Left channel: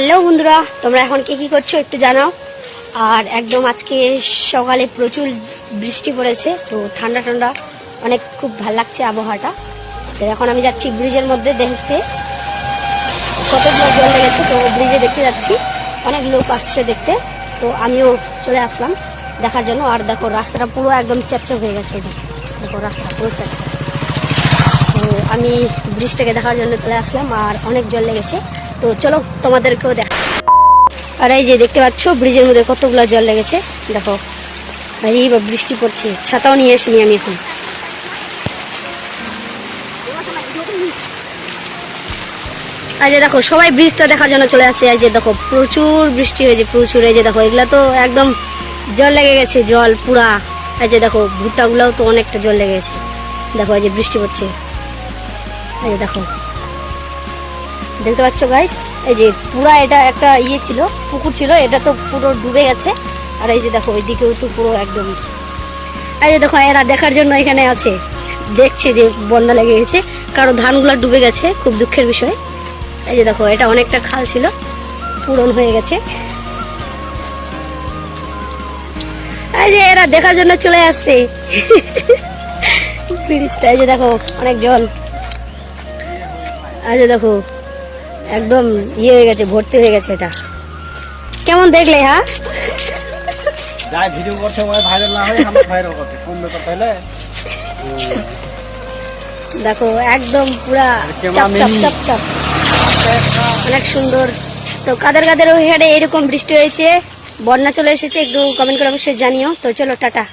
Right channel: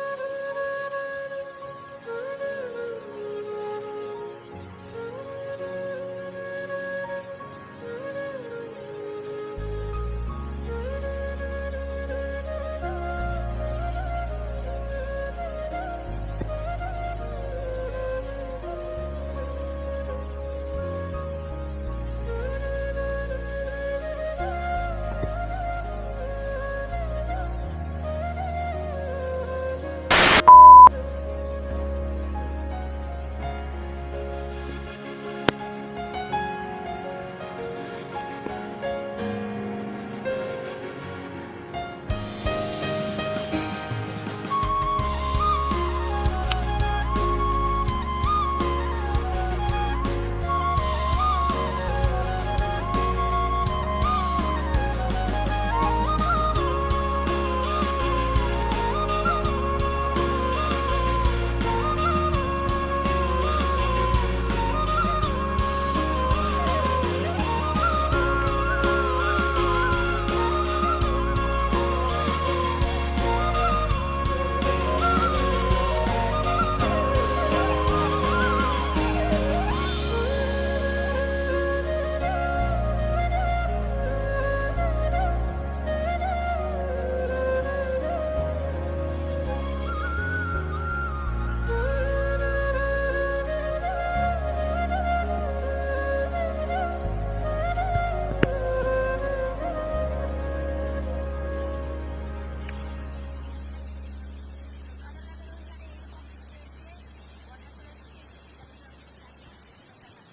Hello বন্ধুরা, তোমরা এখন কি করছো একটু জানাও। আর একদম আজকে সকালে প্রচুর বৃষ্টি পড়েছে, তো ঠান্ডা ঠান্ডা অনেক খুব ভালো লাগছে আবহাওয়াটা। তো এখন আমি যাচ্ছি ব্রিজের মধ্যে দেখতে কতগুলো জল লেগেছে। তো ব্রিজে দেখতে যাচ্ছি, অনেক লোক আসছে দেখতে, তো আমিও চলে আসলাম দেখার জন্য। আর দেখো রাস্তাটা পুরো একদম চ্যাপচ্যাপ হয়ে গেছে, দেখো রাস্তা পুরো চ্যাপচ্যাপ। তো আমি ব্রিজটাকে দেখার জন্য চলে আসলাম, আর অনেক জল লেগেছে, তো চলো তোমাদেরকেও দেখা। আর এই যে দেখতে পাচ্ছ ব্রিজের মধ্যে কতগুলো জল লেগেছে, দেখো এই বা বৃষ্টি পড়ছে, ছাতাও নিয়ে আসিনি আমি এখন। এই যে দেখো সবাই ব্রিজটা দেখার জন্য চলে আসছে। এই যে দেখো প্রচুর বৃষ্টি হয়েছে, প্রচুর। এই যে দেখো এগুলা তো একদম জল লেগে গেছে, জল পুরা। এই যে দেখো ভুট্টাগুলাও তো অনেকটা জল লেগে গেছে, দেখো এই যে বৃষ্টি পড়ছে। এই যে দেখো দেখতে পাচ্ছ গাইস, এই যে পুরা এটা একটা ইয়ে ছিল, পুকুর ছিল, এটা তো পুরো ডুবে গেছে। আর এই যে দেখো ওইদিকেও তো পুরো একদম। এই যে দেখো এরা দেখার জন্য এখানে আছে, দেখছে যে বন্যা লেগে গেছে, কারণ ধানগুলো ডুবে গেছে, খুব দুঃখের বিষয়। এই যে দেখো এটা অনেকটা খাল ছিল, পূরণ হয়ে গেছে। এই যে এরা দেখার জন্য চলে আসছে ব্রিজটা। এই যে দেখো অনেক জল। এই যে দেখো একদম ইয়ে হয়ে গেছে, ভর্তি হয়ে গেছে। এটা কেমন দেখলে? হ্যাঁ ভিডিও করছে ভাইরাল না হয় আমরা ভাইরাল করতে তাহলে দেখো একদম পুরা চাপ চাপ চাপ চাপ, অনেক সুন্দর। তো কাদের কাদের ওই হাটে এরকম বৃষ্টি হয়েছে, বন্যা চলে এসেছে, একটু কমেন্ট করে অবশ্যই জানিও। তো চলো টাটা।